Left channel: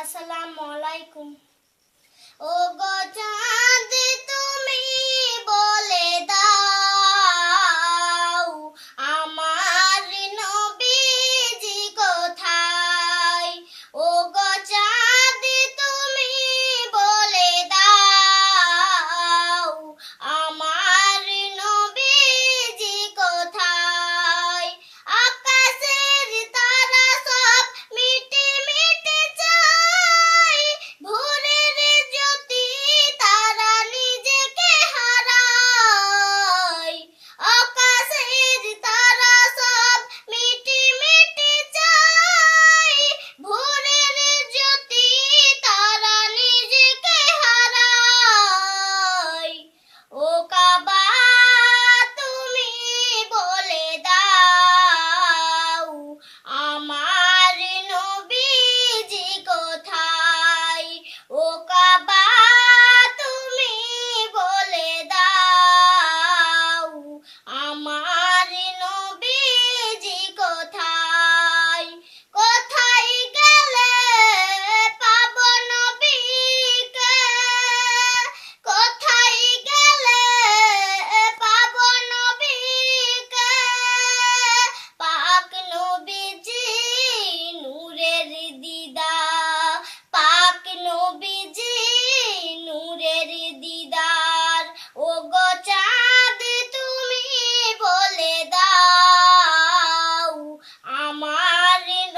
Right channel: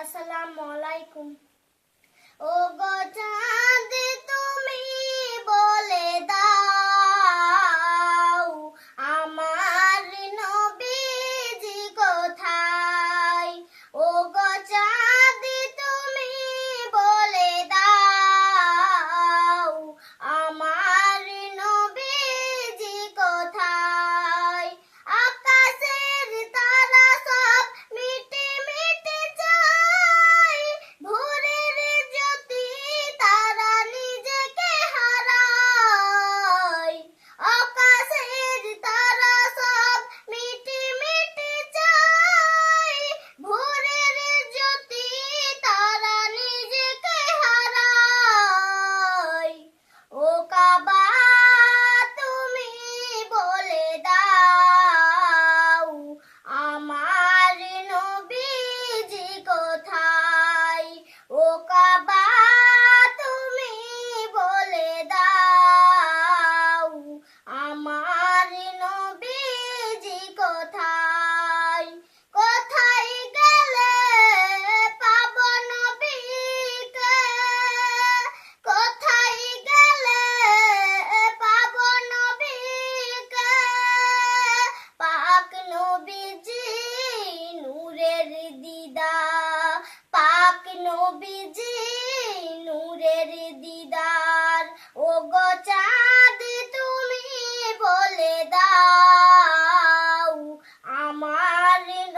আসসালামু আলাইকুম। I know. Darling